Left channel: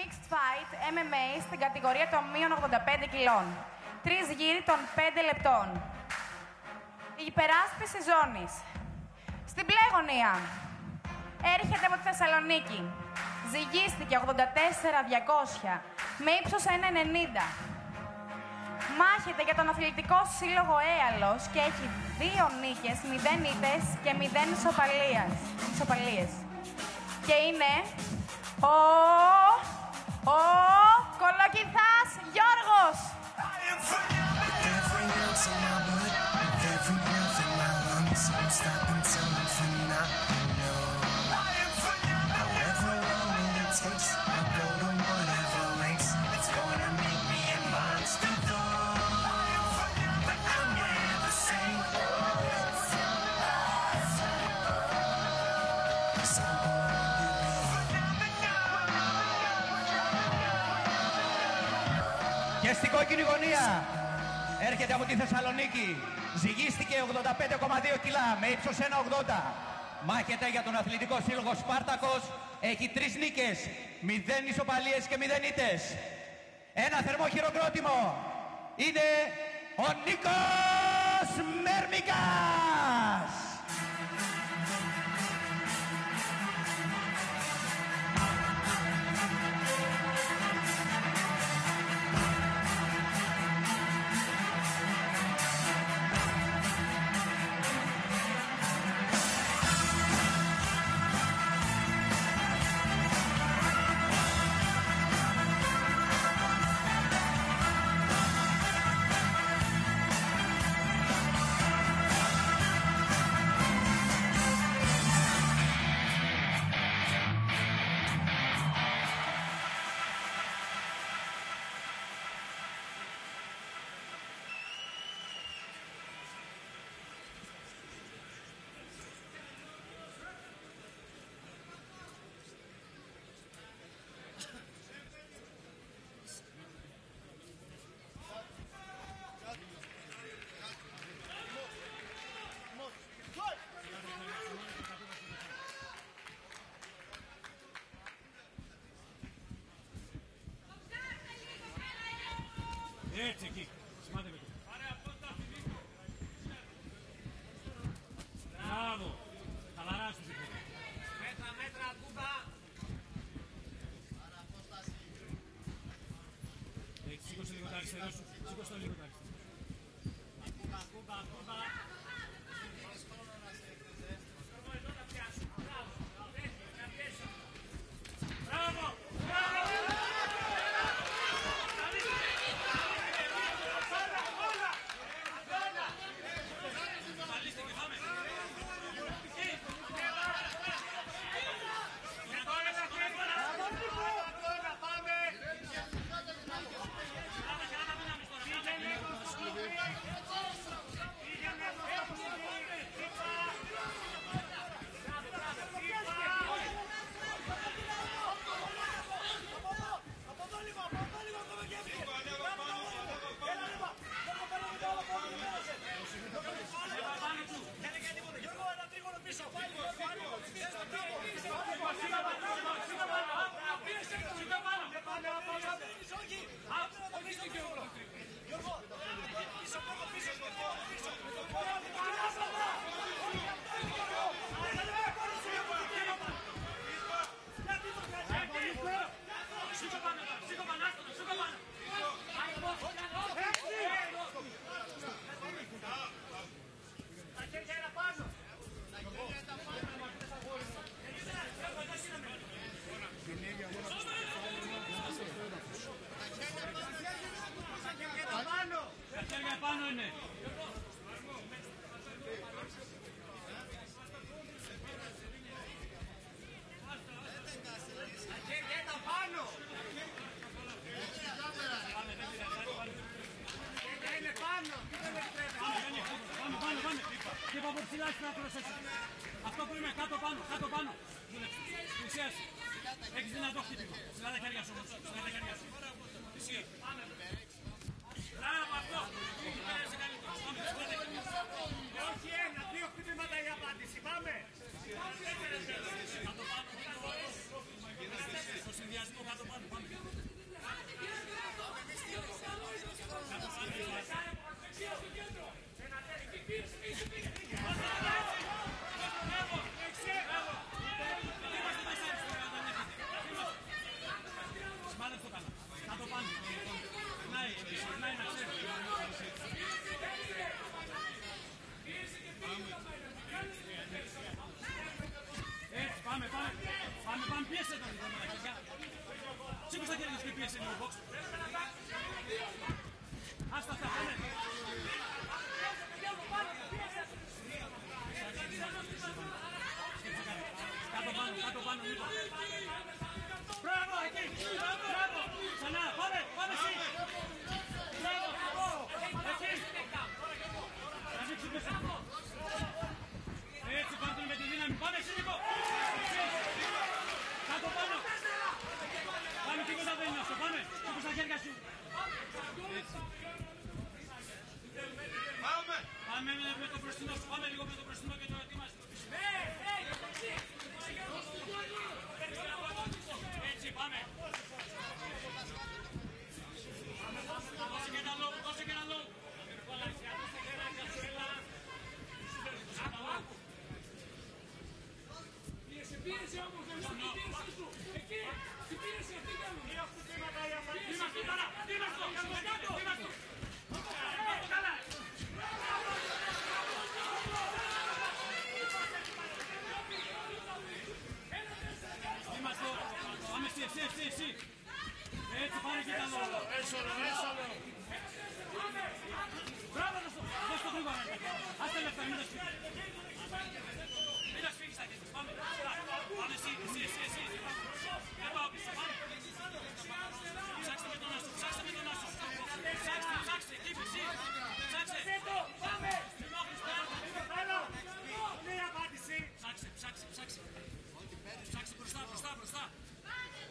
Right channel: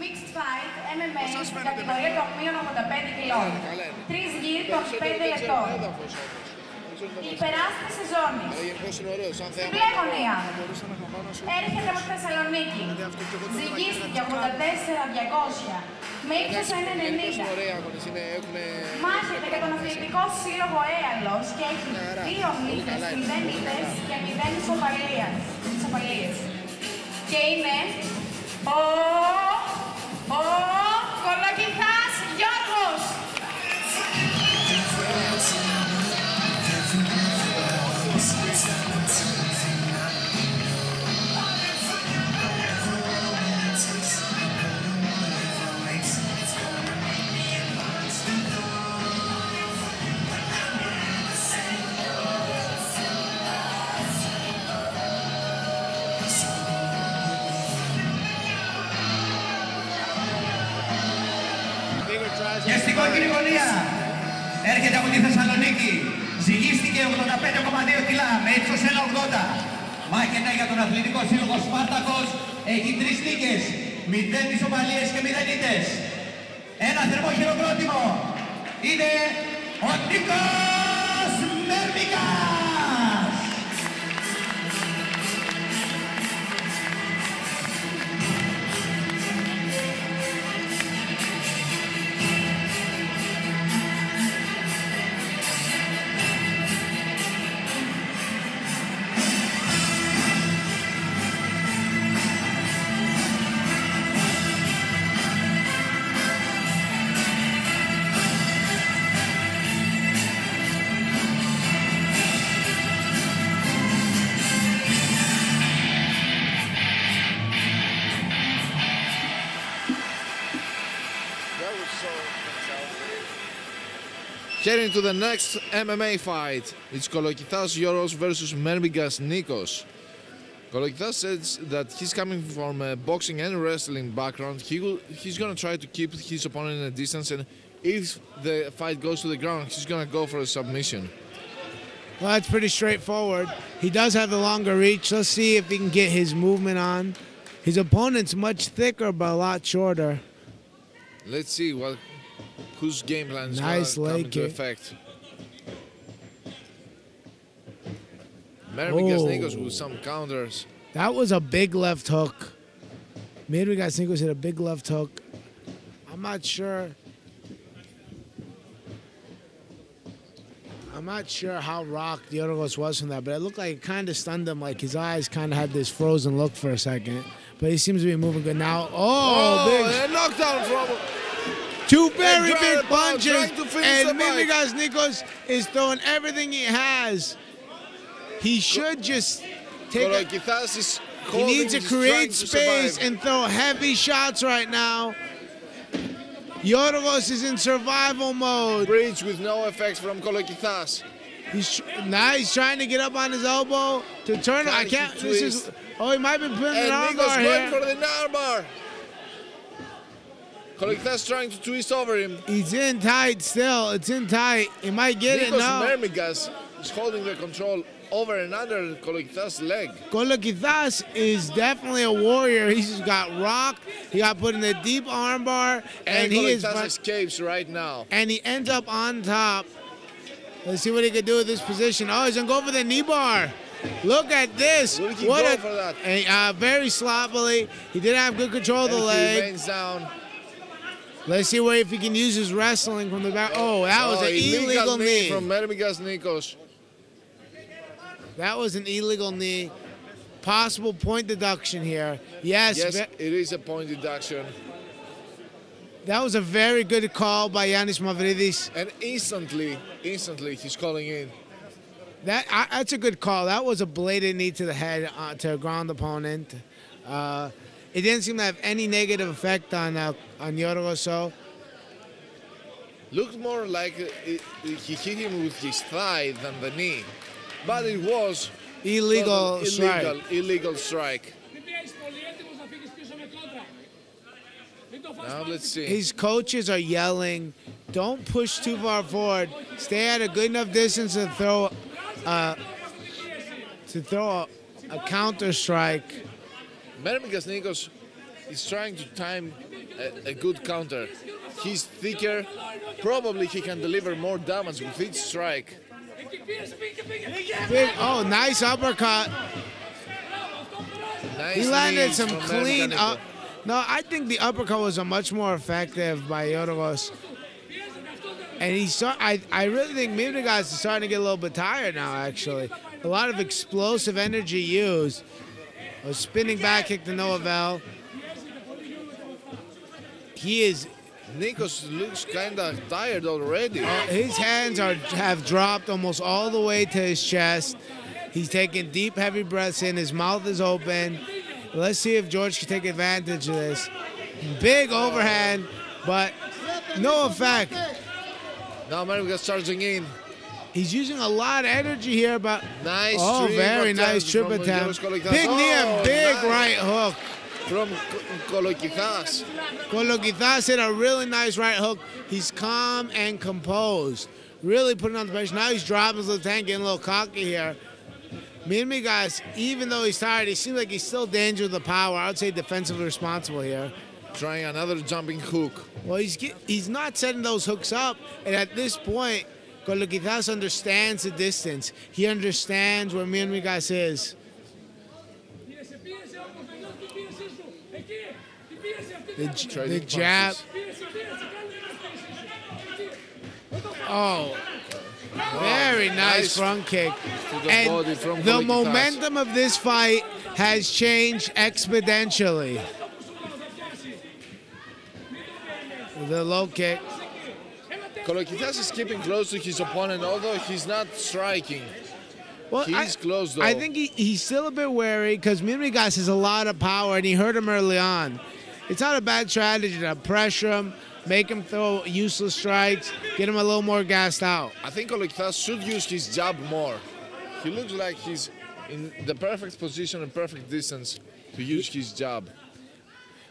Mixed fight MMA στην κατηγορία των μείων 85 κιλών. 3 γύροι των 5 λεπτών. Η υπεράσπιση ζώνης. Στην μπλε γωνία έρχεται από Θεσσαλονίκη. Ζυγίστηκε 84-200 με ύψος 1,90. Μάχεται για τον αθλητικό σύλλογο Έαλος και έχει 2 νίκες, 0 ήττες και 0 ισοπαλίες. Και είναι ο Kolokithas Giorgos. Και στην κόκκινη γωνία έρχεται από τη Θεσσαλονίκη. Ζυγίστηκε 85,2 κιλά με ύψος 1,80. Μάχεται για τον αθλητικό σύλλογο Σπάρτακος. Έχει 3 νίκες, 0 ισοπαλίες και 0 ήττες. Ένα θερμό χειροκρότημα. Είναι ο Nikos Mermigas. Heading to the next MMA fight, it's Kolokithas Giorgos versus Mermigas Nikos. Kolokithas says that he's coming from a boxing and wrestling background. He's going to try to keep his opponent in a distance, and if the fight goes to the ground, he's going to go for a submission. Well, that's pretty straightforward. He does have the longer reach. Let's see if he can get his movement on. His opponent's much thicker, but a lot shorter. Let's see whose game plan is going to come into effect. Mermigas Nikos with some counters. That was a big left hook. Mermigas Nikos hit a big left hook. I'm not sure how rocked Giorgos was from that, but it looked like it kind of stunned him, like his eyes kind of had this frozen look for a second. But he seems to be moving good now. Big knockdown from... Two very big punches, and Mermigas Nikos is throwing everything he has. He should just take it. He needs to create space and throw heavy shots right now. Giorgos is in survival mode. Bridge with no effects from Kolokithas. Now he's trying to get up on his elbow to turn. I can't. He might be putting an armbar here. Going for the armbar. Kolokithas trying to twist over him. He's in tight still. It's in tight. He might get it now. Nikos Mermigas is holding the control over and under Kolokithas' leg. Kolokithas is definitely a warrior. He's got rocked. He got put in a deep armbar. And Kolokithas escapes right now. And he ends up on top. Let's see what he can do with this position. Oh, he's going to go for the knee bar. Look at this. What a, for that? And, very sloppily. He didn't have good control of the leg. He remains down. Let's see if he can use his wrestling from the back. Oh, that was an illegal knee. From Mermigas Nikos. That was an illegal knee. Possible point deduction here. Yes, it is a point deduction. That was a very good call by Yannis Mavridis. And instantly he's calling in. That's a good call. That was a blatant knee to the head to a ground opponent. It didn't seem to have any negative effect on Giorgos. So looked more like he hit him with his thigh than the knee, but it was illegal strike. Now let's see. His coaches are yelling, "Don't push too far forward. Stay at a good enough distance to throw a counter strike." Mermigas Nikos is trying to time a good counter. He's thicker. Probably he can deliver more damage with each strike. Big, oh, nice uppercut. Nice He landed knees some from clean Mermigas. up. No, I think the uppercut was a much more effective by Giorgos. And I really think Mermigas is starting to get a little bit tired now, actually. A lot of explosive energy used. A spinning back kick to no avail. Nikos looks kind of tired already. His hands have dropped almost all the way to his chest. He's taking deep, heavy breaths in. His mouth is open. Let's see if George can take advantage of this. Big overhand, but no effect. Now Mermigas charging in. He's using a lot of energy here, but Nice very nice trip attempt. Big knee and big right hook. From Kolokithas. Kolokithas hit a really nice right hook. He's calm and composed. Really putting on the pressure. Now he's dropping his little tank, getting a little cocky here. Mermigas, even though he's tired, he seems like he's still dangerous with the power. I would say defensively responsible here. Trying another jumping hook. Well, he's not setting those hooks up, and at this point, Kolokithas understands the distance. He understands where Mermigas is. The jab. Oh, very nice front kick. And the momentum of this fight has changed exponentially. The low kick. Kolokithas is keeping close to his opponent, although he's not striking. Well, He's close, though. I think he's still a bit wary because Mermigas has a lot of power, and he hurt him early on. It's not a bad strategy to pressure him, make him throw useless strikes, get him a little more gassed out. I think Kolokithas should use his jab more. He looks like he's in the perfect position and perfect distance to use his jab.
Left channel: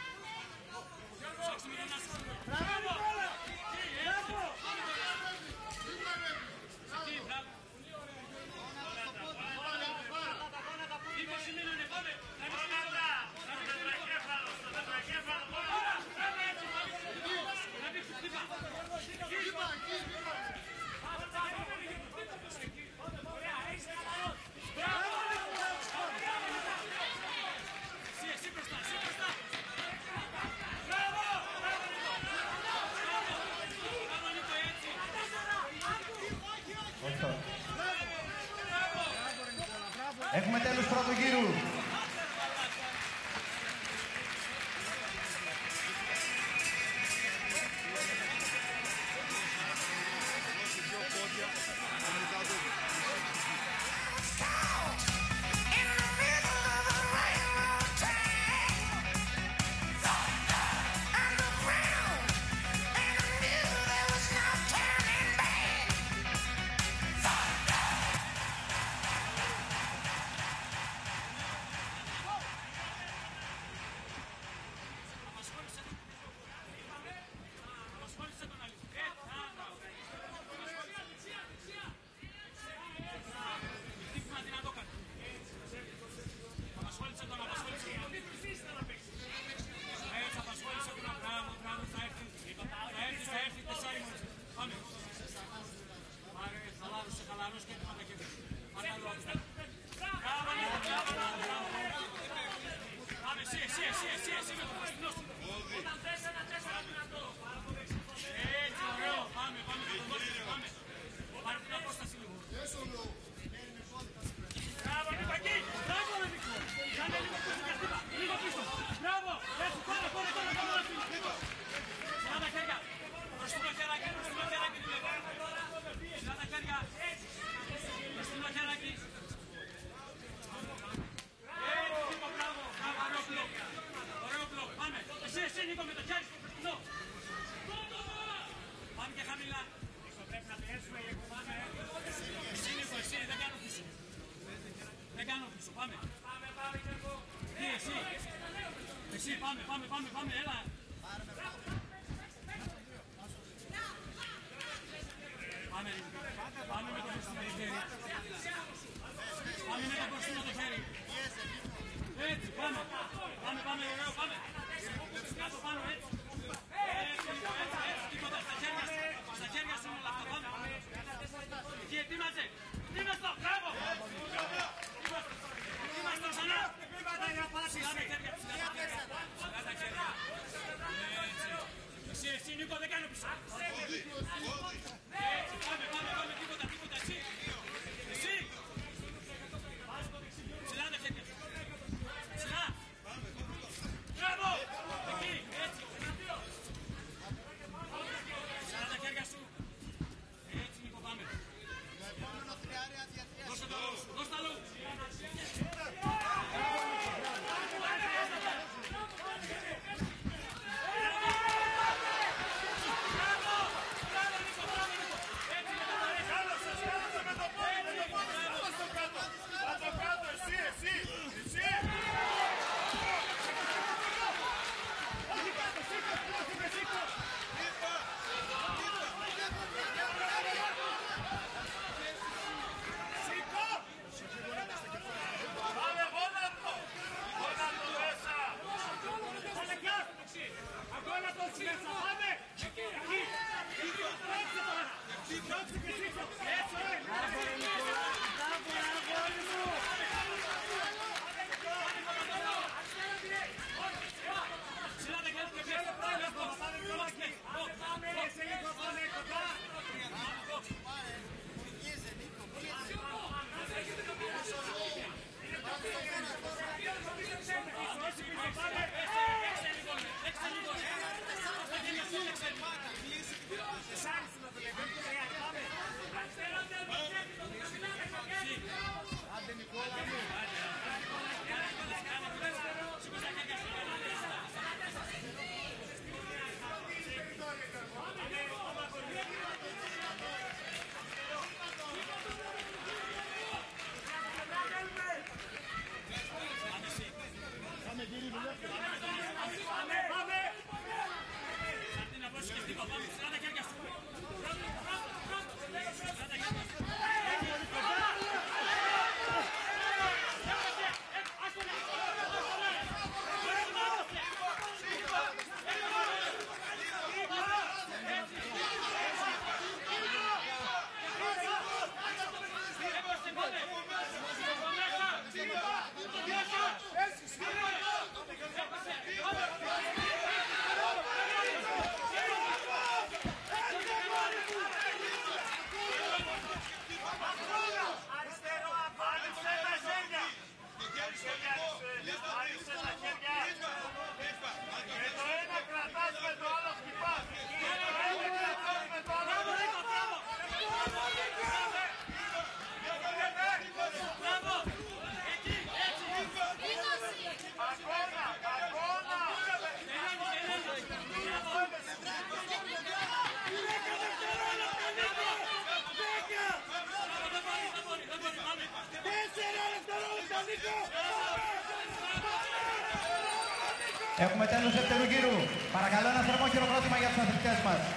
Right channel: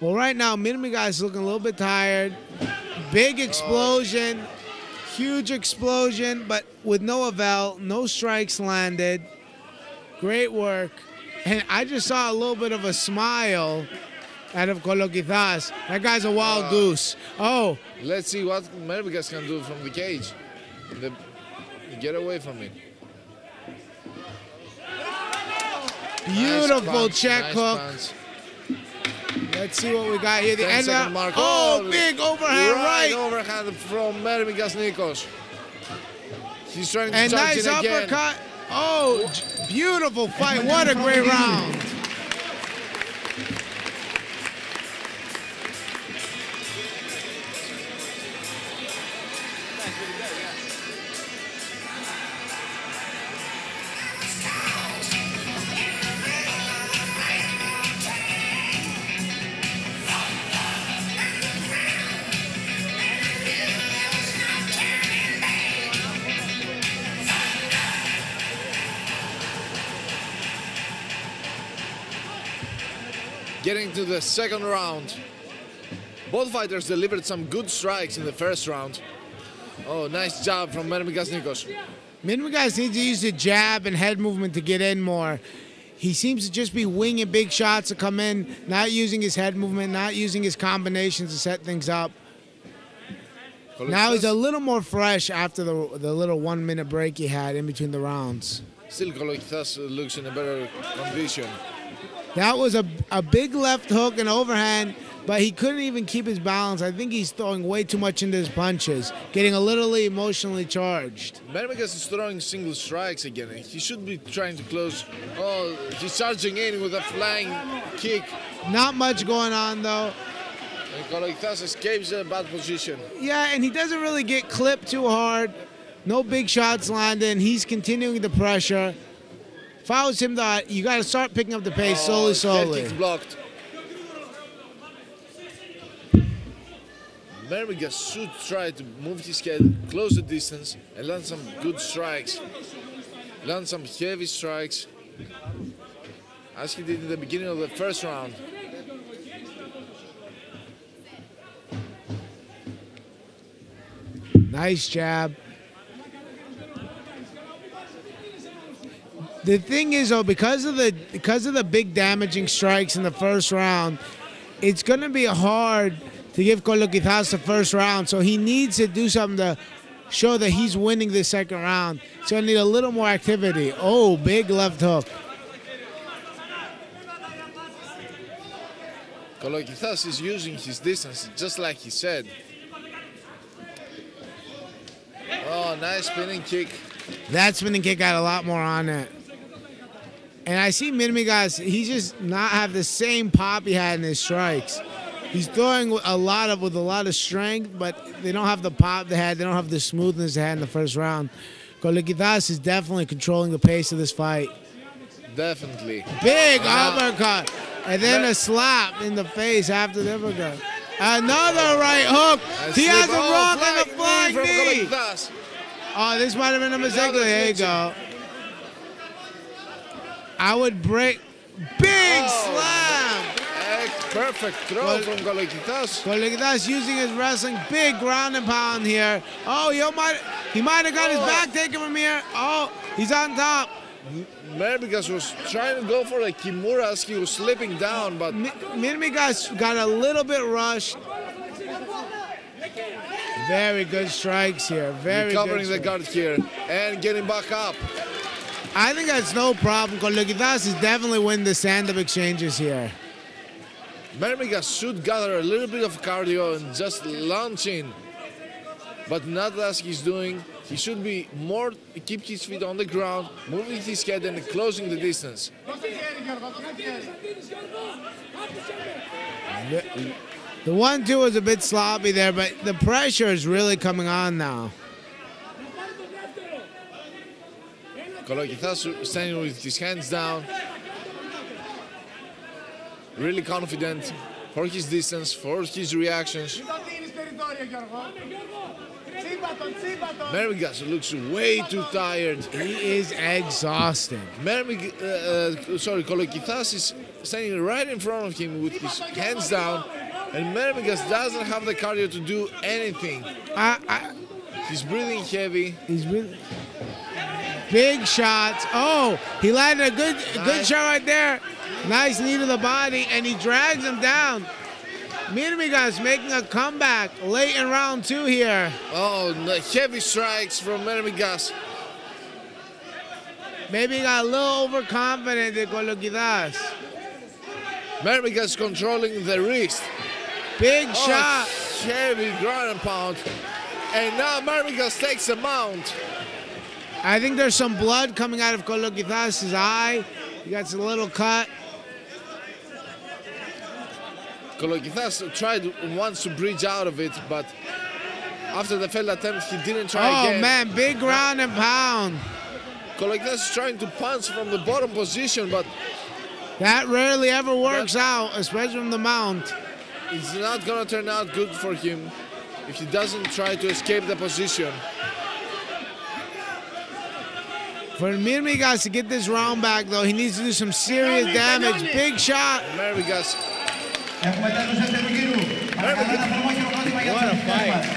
Well, right now, Mermigas is looking a little bit tired. Big explosion, huge explosion, but with no avail, no strikes landed. Great work. And I just saw a little bit of a smile out of Kolokithas. That guy's a wild goose. Oh. Let's see what Mermigas can do from the cage. Get away from me. Beautiful Nice check hook. punch. Let's see what we got here. The 10 end second of, mark. oh, big overhand right. Overhand from Mermigas Nikos. He's trying to And charge nice in again. uppercut. Oh, beautiful fight. What a great round. Getting to the second round. Both fighters delivered some good strikes in the first round. Oh, nice job from Mermigas Nikos. Mermigas needs to use the jab and head movement to get in more. He seems to just be winging big shots to come in, not using his head movement, not using his combinations to set things up. Now he's a little more fresh after the little 1 minute break he had in between the rounds. Still, Kolokithas looks in a better condition. That was a big left hook and overhand, but he couldn't even keep his balance. I think he's throwing way too much into his punches, getting a little emotionally charged. Mermigas is throwing single strikes again. He should be trying to close. Oh, he's charging in with a flying kick. Not much going on, though. And Kolokithas escapes a bad position. Yeah, and he doesn't really get clipped too hard. No big shots landing. He's continuing the pressure. Fouls him that you got to start picking up the pace slowly. Head kick blocked. Mermigas should try to move his head, close the distance, and land some good strikes. Land some heavy strikes, as he did in the beginning of the first round. Nice jab. The thing is, though, because of the big damaging strikes in the first round, it's going to be hard to give Kolokithas the first round, so he needs to do something to show that he's winning the second round. He's going to need a little more activity. Oh, big left hook. Kolokithas is using his distance, just like he said. Oh, nice spinning kick. That spinning kick got a lot more on it. And I see Mermigas, he just not have the same pop he had in his strikes. He's throwing with a lot of strength, but they don't have the pop they had. They don't have the smoothness they had in the first round. Kolokithas is definitely controlling the pace of this fight. Definitely. Big uppercut. And then a slap in the face after the uppercut. Another right hook. He has a rock and a flying knee. Oh, this might have been a mistake. There you go. I would break. Big slam. Perfect throw from Kolokithas. Kolokithas using his wrestling. Big ground and pound here. Oh, he might have got his back taken from here. Oh, he's on top. Mermigas was trying to go for a Kimura as he was slipping down, but Mermigas got a little bit rushed. Very good strikes here. Very recovering good the guard here and getting back up. I think that's no problem. Kolokithas is definitely winning the stand-up exchanges here. Mermigas should gather a little bit of cardio and just launch in, but not as he's doing. He should be more, keep his feet on the ground, moving his head and closing the distance. The 1-2 was a bit sloppy there, but the pressure is really coming on now. Kolokithas standing with his hands down, really confident for his distance, for his reactions. Mermigas looks way too tired. He is exhausted. Kolokithas is standing right in front of him with his hands down, and Mermigas doesn't have the cardio to do anything. He's breathing heavy. Big shots. Oh, he landed a good shot right there. Nice knee to the body, and he drags him down. Mermigas making a comeback late in round 2 here. Oh, the heavy strikes from Mermigas. Maybe he got a little overconfident in Kolokithas. Mermigas controlling the wrist. Big shot. Heavy ground and pound. And now Mermigas takes a mount. I think there's some blood coming out of Kolokithas' eye. He got a little cut. Kolokithas tried once to bridge out of it, but after the failed attempt, he didn't try again. Oh man, big ground and pound. Kolokithas is trying to punch from the bottom position, but that rarely ever works out, especially from the mount. It's not gonna turn out good for him if he doesn't try to escape the position. For Mermigas to get this round back, though, he needs to do some serious damage. Big shot. Mermigas. What a fight.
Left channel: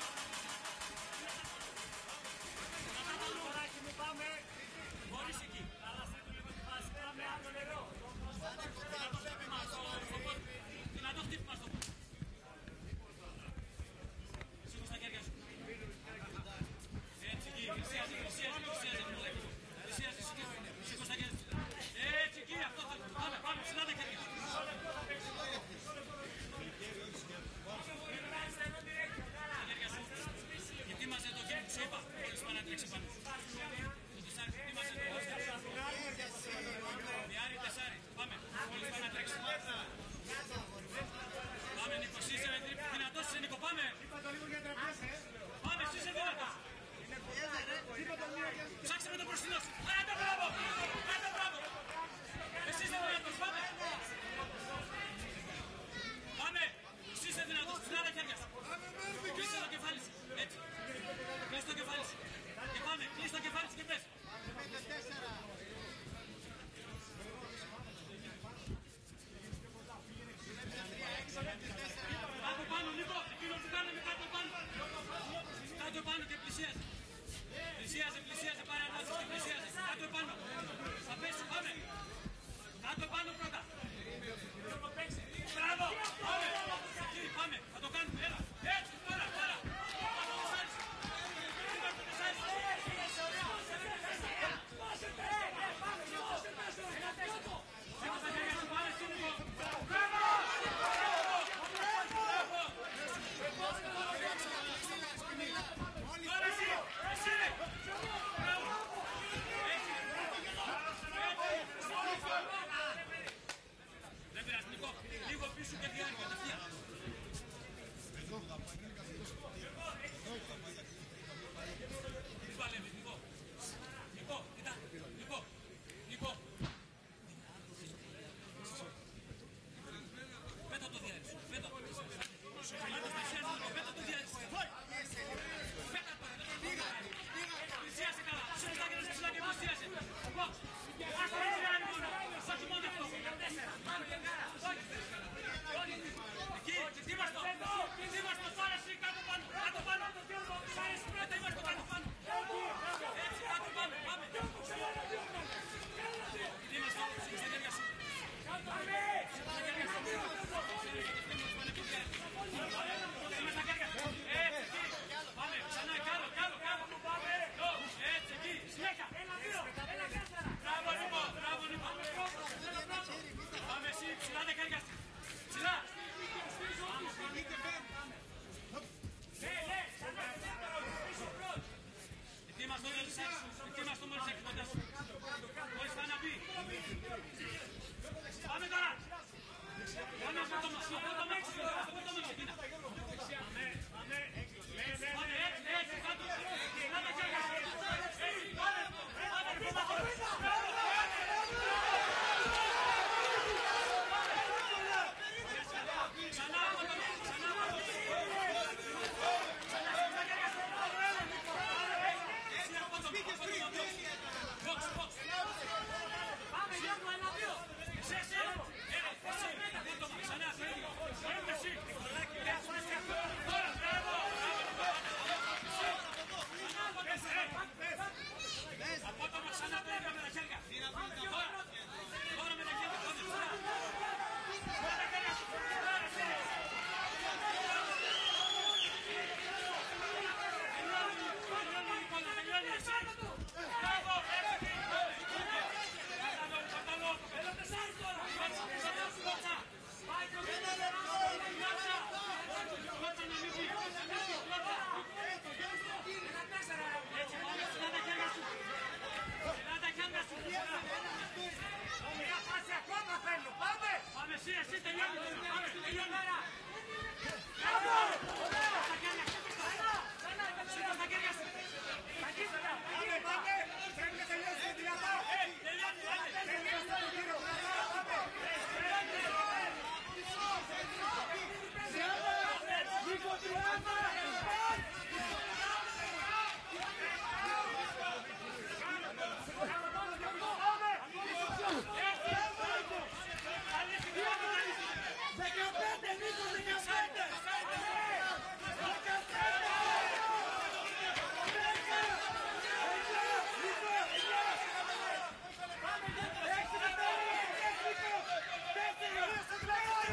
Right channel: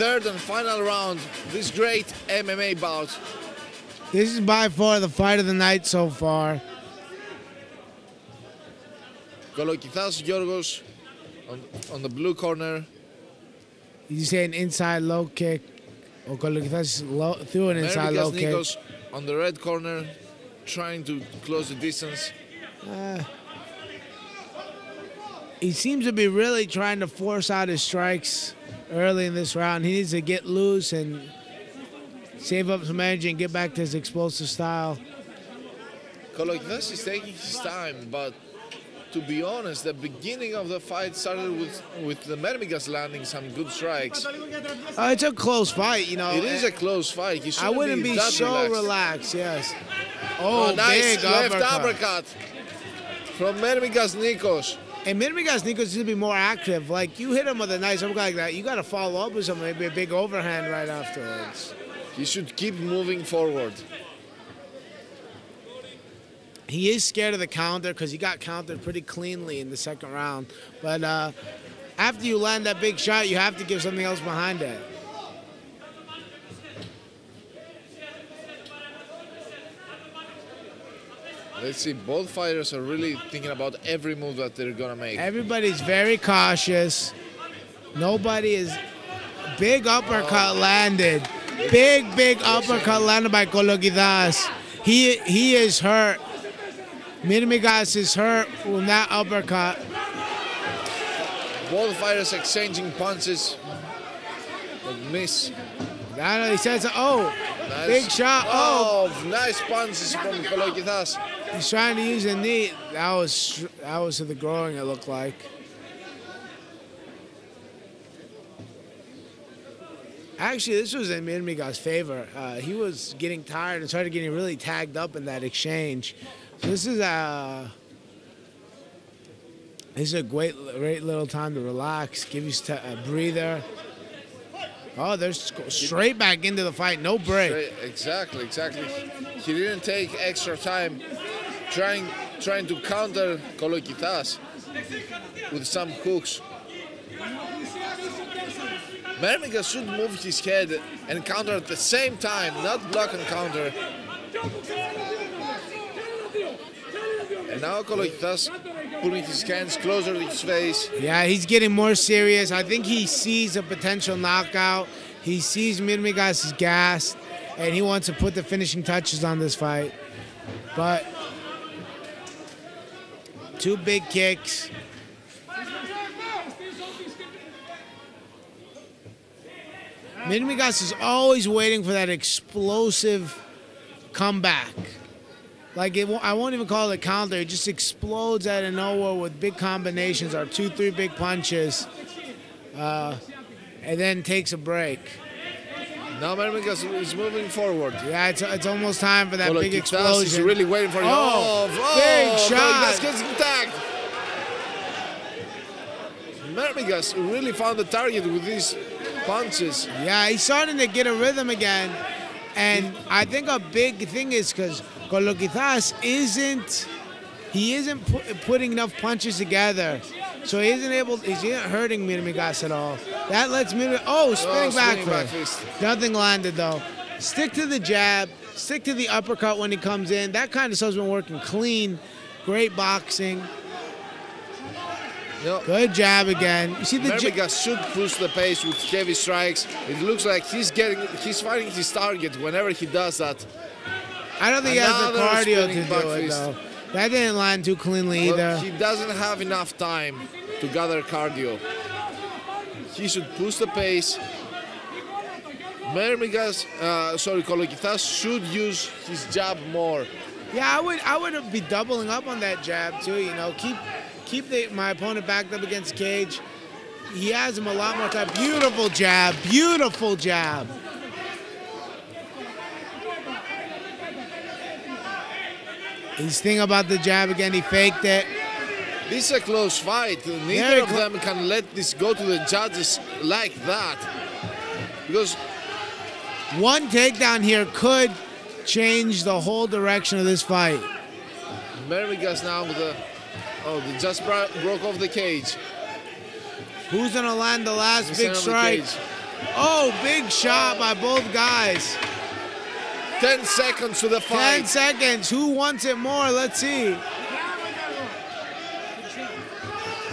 Third and final round, this great MMA bout. This is by far the fight of the night so far. Kolokithas Giorgos on the blue corner. You say an inside low kick, or Kolokithas threw an inside low kick. Nikos on the red corner, trying to close the distance. He seems to be really trying to force out his strikes early in this round. He needs to get loose and save up some energy and get back to his explosive style. Kolokithas is taking his time, but to be honest, the beginning of the fight started with the Mermigas landing some good strikes. It's a close fight, you know. It is a close fight. I wouldn't be so relaxed, yes. Oh, nice big left uppercut from Mermigas Nikos. And Mermigas Nikos should be more active. Like, you hit him with a nice uppercut like that, you got to follow up with something, maybe a big overhand right afterwards. He should keep moving forward. He is scared of the counter because he got countered pretty cleanly in the second round. But after you land that big shot, you have to give something else behind it. Let's see, both fighters are really thinking about every move that they're going to make. Everybody's very cautious. Nobody is... Big uppercut landed. Big uppercut landed by Kolokithas. He is hurt. Mermigas is hurt with that uppercut. Both fighters exchanging punches. But miss. He says, oh, nice. Big shot. Oh, nice punches from Kolokithas. He's trying to use a knee. That was to the groin, it looked like. Actually, this was in Mermigas' favor. He was getting tired and started getting really tagged up in that exchange. This is a great little time to relax, give you a breather. Oh, they're straight back into the fight, no break. Exactly. He didn't take extra time trying to counter Kolokithas with some hooks. Mermigas should move his head and counter at the same time, not block and counter. And now Kolokithas putting his hands closer to his face. Yeah, he's getting more serious. I think he sees a potential knockout. He sees Mermigas is gassed, and he wants to put the finishing touches on this fight. But two big kicks. Mermigas is always waiting for that explosive comeback. Like, I won't even call it a counter. It just explodes out of nowhere with big combinations or 2-3 big punches, and then takes a break. Now Mermigas is moving forward. Yeah, it's almost time for that big explosion. Is really waiting for it. Big shot. Mermigas gets tagged. Mermigas really found the target with these punches. Yeah, he's starting to get a rhythm again. And I think a big thing is because Kolokithas isn't putting enough punches together. So he's not hurting Mermigas at all. That lets Mermigas, spinning back fist. Nothing landed though. Stick to the jab, stick to the uppercut when he comes in. That kind of stuff's been working clean. Great boxing. Yep. Good jab again. You see the Mermigas should push the pace with heavy strikes. It looks like he's finding his target whenever he does that. I don't think he has the cardio to do it though. That didn't land too cleanly either. He doesn't have enough time to gather cardio. He should push the pace. Kolokithas should use his jab more. Yeah, I would be doubling up on that jab too. You know, keep my opponent backed up against the cage. He has him a lot more time. Beautiful jab, beautiful jab. He's thinking about the jab again. He faked it. This is a close fight. Neither of them can let this go to the judges like that. Because one takedown here could change the whole direction of this fight. Mermigas now with the... Oh, they just broke off the cage. Who's gonna land the last big strike? Oh, big shot by both guys. 10 seconds to the fight. 10 seconds. Who wants it more? Let's see.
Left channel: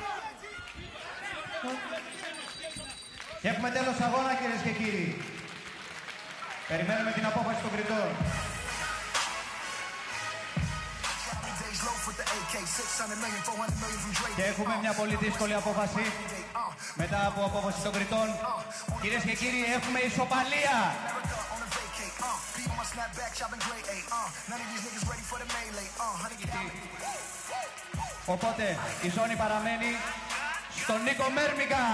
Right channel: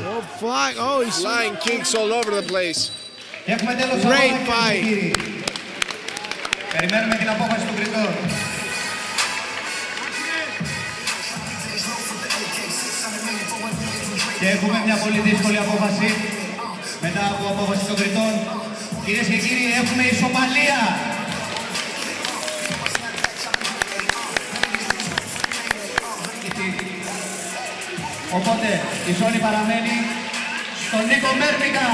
Oh, flying. Oh, he's flying kicks all over the place. Great fight. Και έχουμε μια πολύ δύσκολη απόφαση μετά από απόφαση των κριτών. Κυρίες και κύριοι, έχουμε ισοπαλία. Οπότε η ζώνη παραμένει στον Νίκο Μέρμιγα.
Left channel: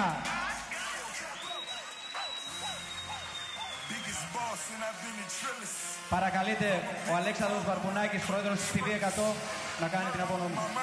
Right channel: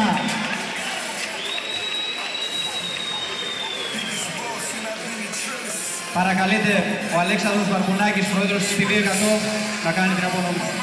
Παρακαλείται ο Αλέξανδρος Βαρκουνάκης, πρόεδρος της ΠΔ 100, να κάνει την απονομή.